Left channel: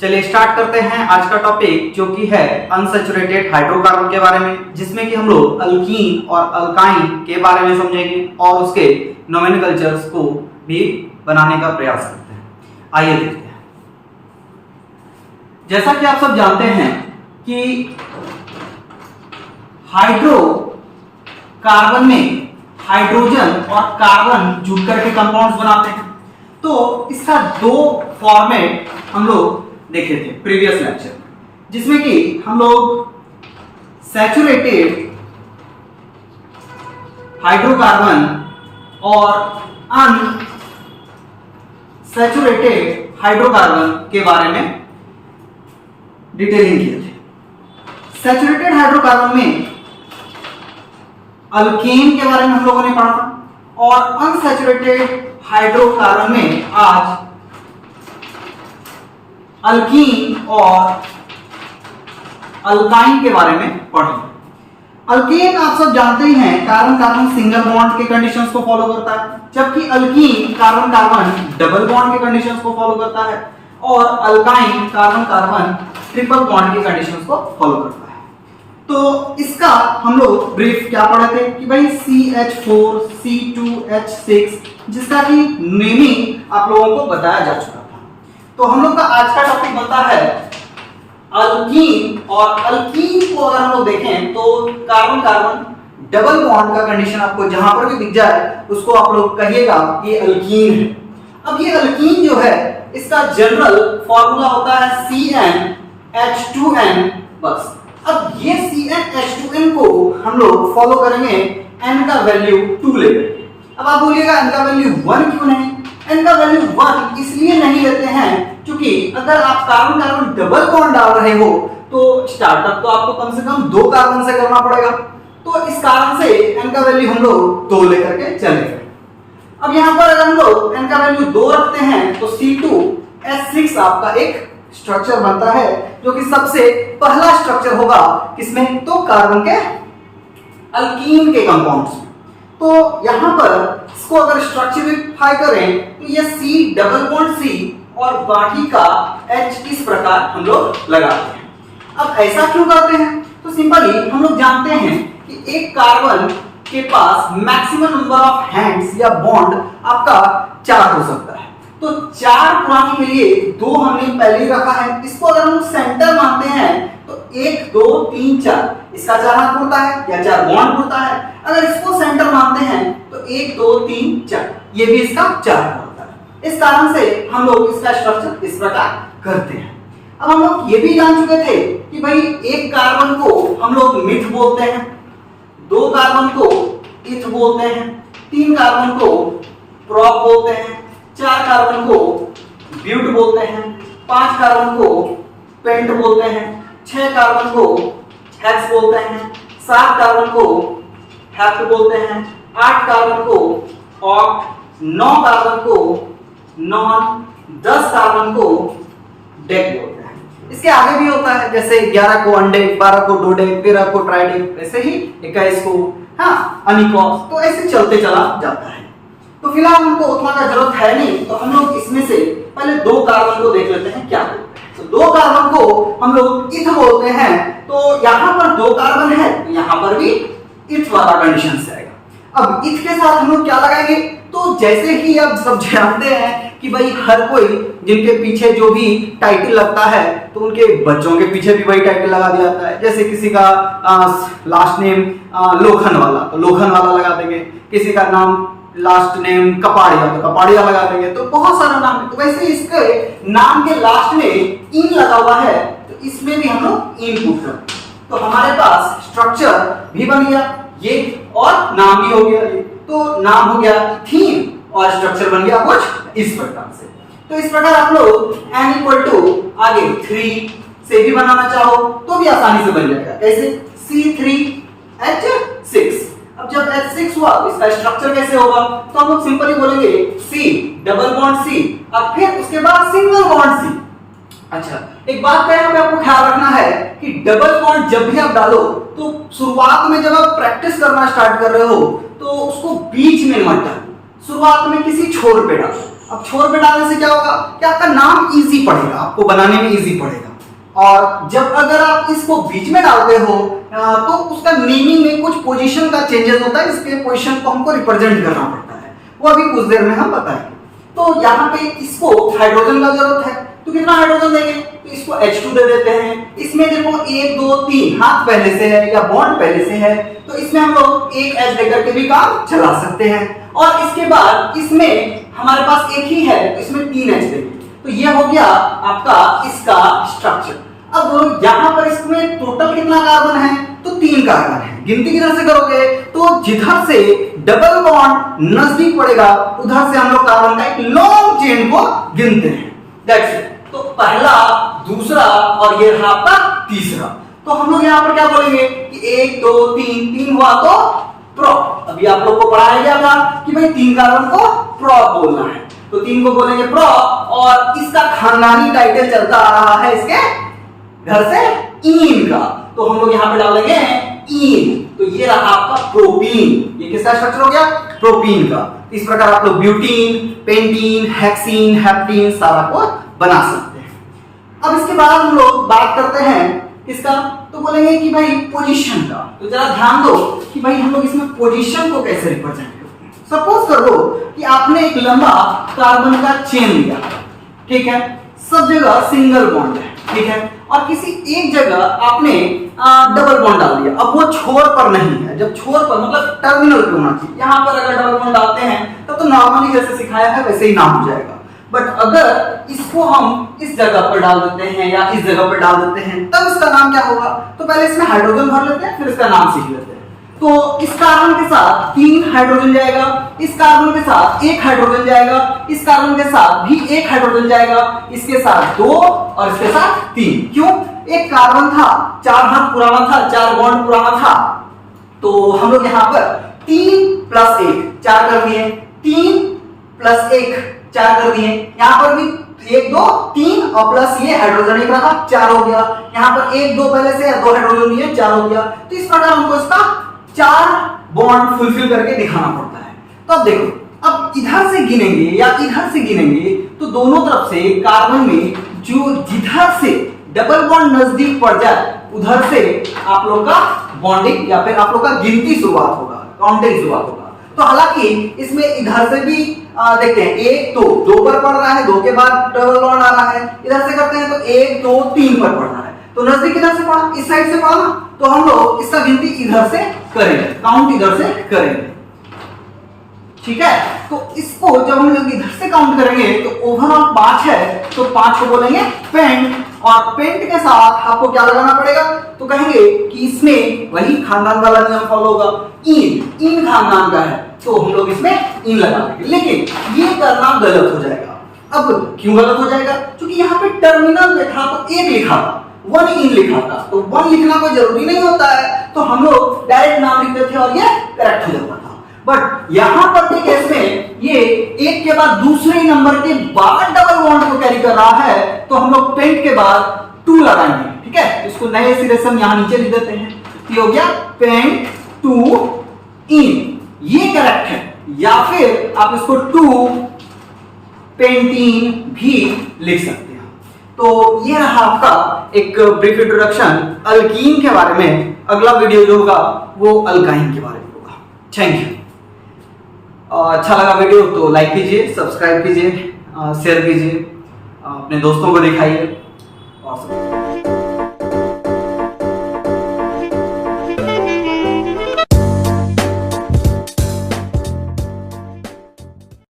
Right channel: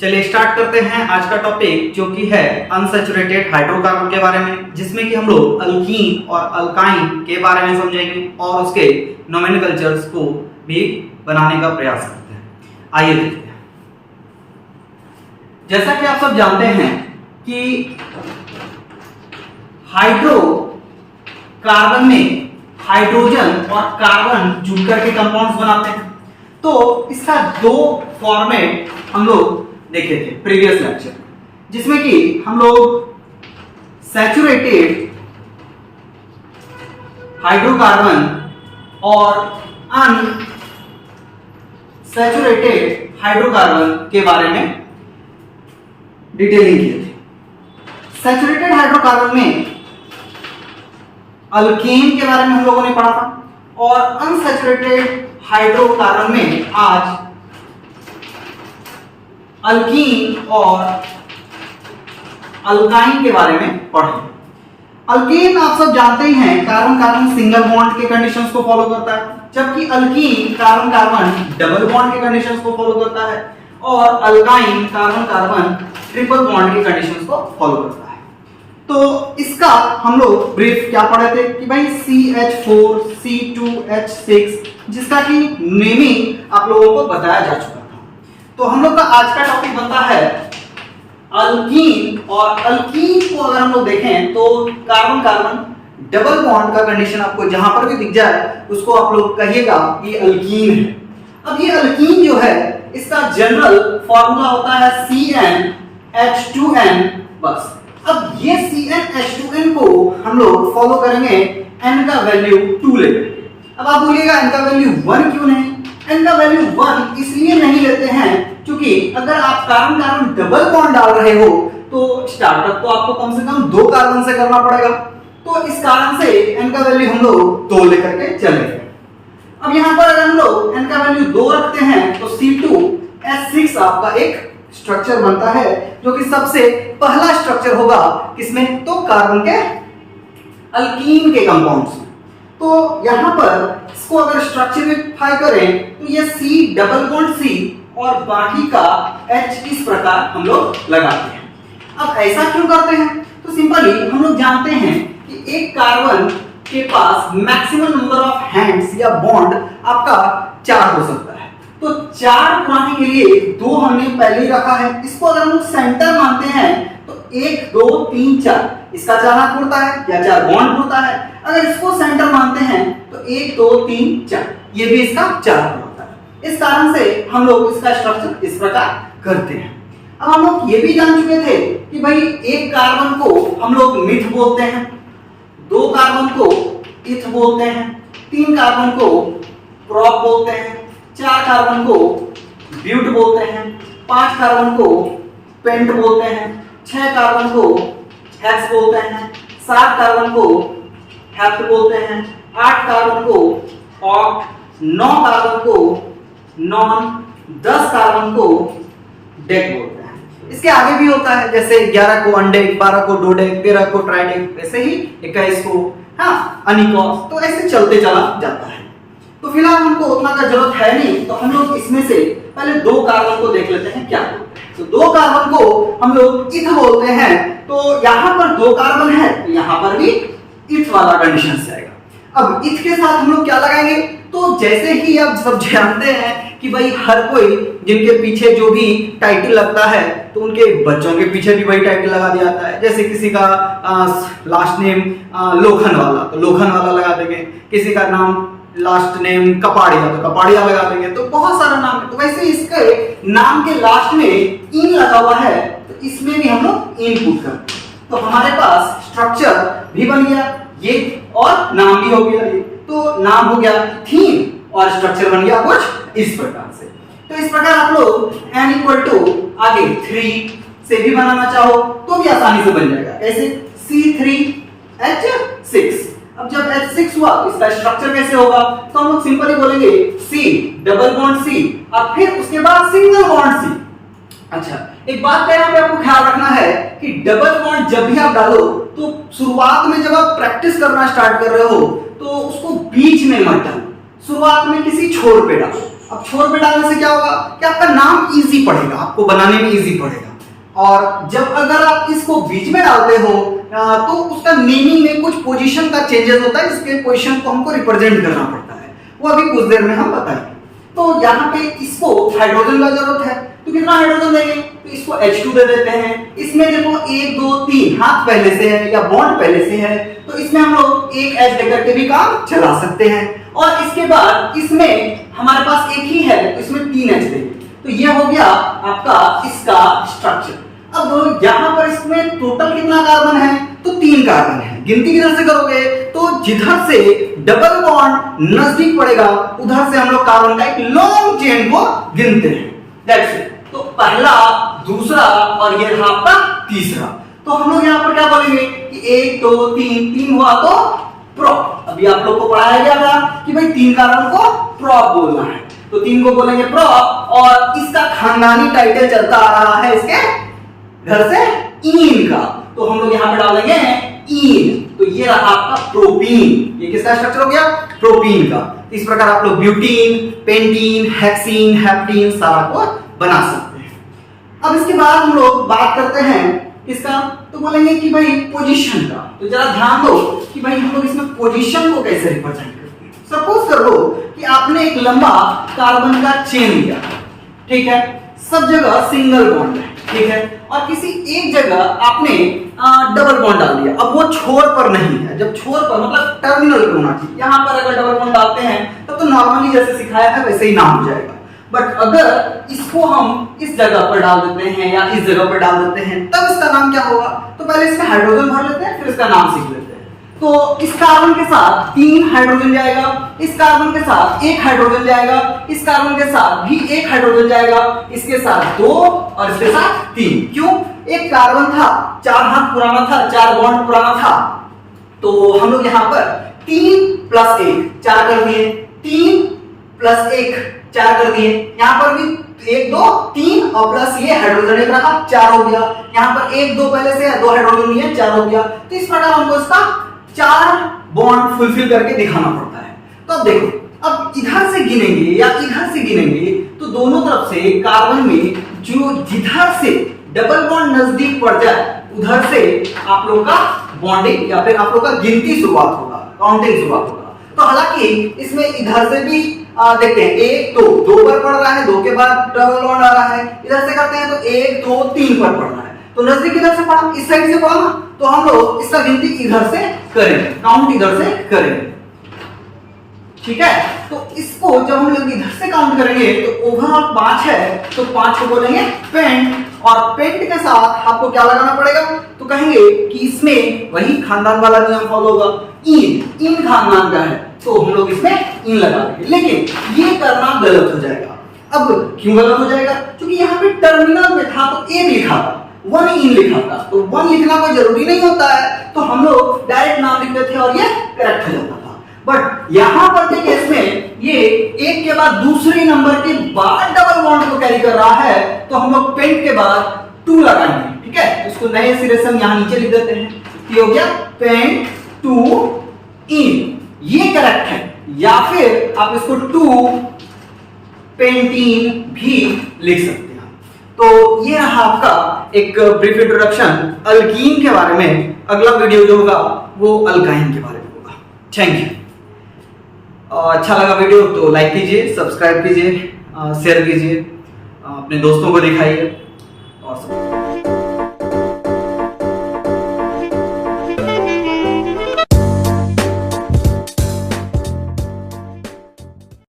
चलिए स्टार्ट करते हैं आज का टॉपिक जो कि है अनसैचुरेटेड हाइड्रोकार्बन के बारे में, जिसमें कि हम लोग अल्कीन और अल्काइन के बारे में समझेंगे और उसके नोमेनक्लेचर्स को भी बनाने का प्रयास करते हैं। आइए देखते हैं। जैसा कि आप सब जानते हैं कि हाइड्रोकार्बन में हाइड्रोजन और कार्बन जुड़कर के कंपाउंड्स बनाते हैं। तो इसका दो फॉर्मेट हम लोग देखे थे प्रीवियस लेक्चर, जिसमें कि हम लोग सैचुरेटेड हाइड्रोकार्बन और अनसैचुरेटेड हाइड्रोकार्बन के बारे में डिटेलिंग किए थे। सैचुरेटेड हाइड्रोकार्बन में अल्केन के बारे में हम लोगों ने पढ़ा था और अनसैचुरेटेड हाइड्रोकार्बन में आज अल्कीन और अल्काइन के बारे में पढ़ेंगे। अल्कीन आप सब जानते ही हैं कार्बन कार्बन सिंगल बॉन्ड के कंडीशंस को फॉलो करता है, जबकि alkyne carbon carbon double bond के कंडीशंस को फॉलो करता है और alkyne carbon carbon triple bond के कंडीशंस को फॉलो करता है। तो इसका हम लोग ब्रीफ क्या पढ़े थे कि भाई CH4 C2H6, जिसका कि नेमिंग आप लोगों को बताया जा चुका था। तो हम लोग का आज का टॉपिक बनता है अल्कीन, और अल्कीन को अगर हम लोग देखें तो कार्बन कार्बन डबल बॉन्ड का कंडीशन आपको जहां पर भी दिख जाए उसको आप लोग कहिएगा ये अल्कीन है। अब ये अल्कीन जो है इसका जनरल फॉर्मूला होता है CnH2n बस। अब ये CnH2n को हम लोग फॉलो करेंगे n का वैल्यू 2 लेकर। अब आप बोलिएगा n का वैल्यू 1 क्यों नहीं? n का वैल्यू 1 इसलिए नहीं लेते हैं क्योंकि अगर आप कार्बन कार्बन डबल बॉन्ड डाल रहे हो तो स्टार्टअप तो आपको कम से कम 2 कार्बन से करना पड़ेगा। तो इस कारण से n का वैल्यू हम लोग 2 लेकर के चलेंगे। अब यहां पर अगर हम लोग n का वैल्यू 2 रखते हैं तो C2H6 आपका एक स्ट्रक्चर बनता है जो कि सबसे पहला स्ट्रक्चर होगा किसमें? तो कार्बन के अल्कीन के कंपाउंड्स में। तो यहां पर इसको अगर स्ट्रक्चरिफाई करें तो ये C डबल बॉन्ड C और बाकी का H इस प्रकार हम लोग लगाते हैं। अब ऐसा क्यों करते हैं? तो सिंपली हम लोग जानते हैं कि एक कार्बन के पास मैक्सिमम नंबर ऑफ हैंड्स या बॉन्ड आपका 4 हो सकता है। तो 4 पुराने के लिए 2 हमने पहले ही रखा है। इसको अगर हम सेंटर मानते हैं तो 1 2 3 4 इसका 4 हाथ होता है या 4 बॉन्ड होता है। अगर इसको सेंटर मानते हैं तो 1 2 3 4 ये भी इसका 4 होता है। इस कारण से हम लोग इसका स्ट्रक्चर इस प्रकार करते हैं। अब हम लोग ये भी जान चुके थे कि भाई एक कार्बन को हम लोग मिथ बोलते हैं, 2 कार्बन को इथ बोलते हैं, 3 कार्बन को प्रोप बोलते हैं, 4 कार्बन को ब्यूट बोलते हैं, 5 कार्बन को पेंट बोलते हैं, 6 कार्बन को हेक्स बोलते हैं, 7 कार्बन को हेप्ट बोलते हैं, 8 कार्बन को ऑक्ट, 9 कार्बन को नॉन, 10 कार्बन को डेक बोलते हैं। इसके आगे भी होता है जैसे 11 को अनडेक, 12 को डोडेक, 13 को ट्राइडेक, वैसे ही 21 को अनिकॉस। तो ऐसे चलते चला जाता है। तो फिलहाल हमको उतना का जरूरत है नहीं, तो हम लोग इसमें से पहले 2 कार्बन को देख लेते हैं क्या बोलते हैं। तो 2 कार्बन को हम लोग इथ बोलते हैं। तो यहाँ पर 2 कार्बन है, यहाँ पर भी इथ वाला कंडीशन से आएगा। अब इथ के साथ हम लोग क्या लगाएंगे? तो जैसे कि आप सब जानते हैं कि भाई हर कोई जिनके पीछे जो भी टाइटल लगता है तो उनके बच्चों के पीछे भी वही टाइटल लगा दिया जाता है। जैसे किसी का लास्ट नेम लोखन वाला तो लोखन वाला लगा देंगे, किसी का नाम लास्ट नेम कपाड़िया तो कपाड़िया लगा देंगे। तो बहुत सारा नाम है। तो वैसे इसके नाम के लास्ट में इन लगा हुआ है तो इसमें भी हम लोग इन पुट करते हैं। तो हमारे पास स्ट्रक्चर भी बन गया ये और नाम भी हो गया ये। तो नाम हो गया थीम और स्ट्रक्चर बन गया कुछ इस प्रकार से। तो इस प्रकार आप लोग n = आगे 3 से भी बनाना चाहो तो भी आसानी से बन जाएगा। कैसे? C3H6। अब जब H6 हुआ तो इसका स्ट्रक्चर कैसे होगा? तो हम लोग सिंपली बोलेंगे C डबल बॉन्ड C और फिर उसके बाद सिंगल बॉन्ड C। अच्छा, एक बात का यहाँ पे आपको ख्याल रखना है कि डबल बॉन्ड जब भी आप डालो तो शुरुआत में जब आप प्रैक्टिस करना स्टार्ट कर रहे हो तो उसको बीच में मत डालो, शुरुआत में किसी छोर पे डालो। अब छोर पे डालने से क्या होगा कि आपका नाम इजी पड़ेगा, आपको बनाने में इजी पड़ेगा। और जब अगर आप इसको बीच में डालते हो तो उसका नेमिंग में कुछ पोजीशन का चेंजेस होता है, इसके पोजीशन को हमको रिप्रेजेंट करना पड़ता है, वो अभी कुछ देर में हम बताएंगे। तो यहाँ पे इसको हाइड्रोजन का जरूरत है, तो कितना हाइड्रोजन देंगे, तो इसको H2 दे देते हैं। इसमें देखो 1 2 3 हाथ पहले से है या बॉन्ड पहले से है, तो इसमें हम लोग एक H देकर के भी काम चला सकते हैं। और इसके बाद इसमें हमारे पास एक ही है, तो इसमें 3 H देंगे, तो ये हो गया आपका इसका स्ट्रक्चर। अब यहाँ पर इसमें टोटल कितना कार्बन है, तो 3 कार्बन है। गिनती किधर से करोगे, तो जिधर से डबल बॉन्ड नजदीक पड़ेगा उधर से हम लोग कार्बन का एक लॉन्ग चेन को गिनते हैं। That's it. तो पहला, दूसरा और ये रहा आपका तीसरा। तो हम लोग यहाँ पर क्या बोलेंगे कि 1 2 3 हुआ तो प्रोप। अभी आप लोग को पढ़ाया गया था कि भाई 3 कार्बन को प्रोप बोलना है, तो 3 को बोलेंगे प्रोप। और इसका खानदानी टाइटल चलता आ रहा है इसके घर से ईन का, तो हम लोग यहाँ पे डाल देंगे ईन। तो ये रहा आपका प्रोपीन। ये किसका स्ट्रक्चर हो गया, प्रोपीन का। इस प्रकार आप लोग ब्यूटीन, पेंटीन, हेक्सीन, हेप्टीन सारा को बना सकते हैं। अब इसके बाद हम लोग बात करते हैं किसका, तो बोलेंगे कि भाई पोजीशन का। तो जरा ध्यान दो कि भाई हम लोग इसमें पोजीशन को कैसे रिप्रेजेंट करते हैं। सपोज करो कि आपने एक लंबा कार्बन का चेन लिया, ठीक है, सब जगह सिंगल बॉन्ड है, ठीक है, और किसी एक जगह आपने डबल बॉन्ड डाल दिया। अब वो छोर पर नहीं है, जब छोर पर मतलब टर्मिनल पे होना चाहिए। यहाँ पर अगर डबल बॉन्ड डालते हैं तब तो नॉर्मली जैसे सिखाया है वैसे ही नाम हो जाएगा। बट अगर इसको हम इस जगह पर डाल देते हैं या इस जगह पर डाल देते हैं तब इसका नाम क्या होगा, तो पहले इसमें हाइड्रोजन भर लेते हैं फिर इसका नाम सीख लेते हैं। तो इस कार्बन के साथ 3 हाइड्रोजन जाएगा, इस कार्बन के साथ 1 हाइड्रोजन जाएगा, इस कार्बन के साथ भी 1 हाइड्रोजन जाएगा, इसके साथ 2 और इसके साथ 3। क्यों, एक कार्बन था 4 हाथ पुराना था, 4 बॉन्ड पुराना था, तो हम लोग यहाँ पर 3 + 1 4 कर दिए, 3 + 1 4 कर दिए। यहाँ पर भी 1 2 3 और प्लस ये हाइड्रोजन एक रहा 4 हो गया। यहाँ पर 1 2 पहले से 2 हाइड्रोजन दिए 4 हो गया। तो इस प्रकार हमको इसका 4 बॉन्ड फुलफिल करके दिखाना पड़ता है। तो अब देखो, अब इधर से गिनेंगे या इधर से गिनेंगे तो दोनों तरफ से कार्बन में जो जिधर से डबल बॉन्ड नजदीक पड़ जाए उधर से आप लोग का बॉन्डिंग या फिर आप लोग का गिनती शुरुआत होगा, काउंटिंग शुरुआत होगा। तो हालांकि इसमें इधर से भी देखते हैं 1 2 2 पर पड़ रहा है, 2 के बाद डबल बॉन्ड आ रहा है, इधर से करते हैं तो 1 2 3 पर पड़ रहा है, तो नजदीक इधर से पड़ा, इस साइड से पड़ा ना, तो हम लोग इसका गिनती इधर से करेंगे, काउंट इधर से करेंगे, ठीक है। तो इसको जब हम लोग इधर से काउंट करेंगे तो ओवरऑल 5 है, तो 5 को बोलेंगे पेंट। और पेंट के साथ आपको क्या लगाना पड़ेगा, तो कहेंगे कि इसमें वही खानदान वाला नियम फॉलो होगा, इन इन खानदान का है तो हम लोग इसमें इन लगा देंगे। लेकिन ये करना गलत हो जाएगा। अब क्यों गलत हो जाएगा, क्योंकि यहाँ पे टर्मिनल में था तो 1 लिखा था, 1 इन लिखा था, तो 1 लिखना कोई जरूरी नहीं होता है, तो हम लोग डायरेक्ट नाम लिखते थे और ये करेक्ट हो जाता था। बट यहां पर के केस में ये 1 के बाद दूसरे नंबर के बाद डबल बॉन्ड को कैरी कर रहा है, तो हम लोग पेंट के बाद 2 लगाएंगे, ठीक है। इसको नए सिरे से हम यहां नीचे लिख देते हैं, तो हो गया पेंट 2 इन, ये करेक्ट है। या फिर आप इसको 2 पेंटीन भी लिख सकते हैं। तो ये रहा आपका एक ब्रीफ इंट्रोडक्शन अल्कीन के बारे में। अगला वीडियो जो होगा वो अल्काइन के बारे में होगा। Thank you. अच्छा लगा वीडियो तो लाइक कीजिए, सब्सक्राइब कीजिए, शेयर कीजिए, अपने दोस्तों को दिखाइए और सब।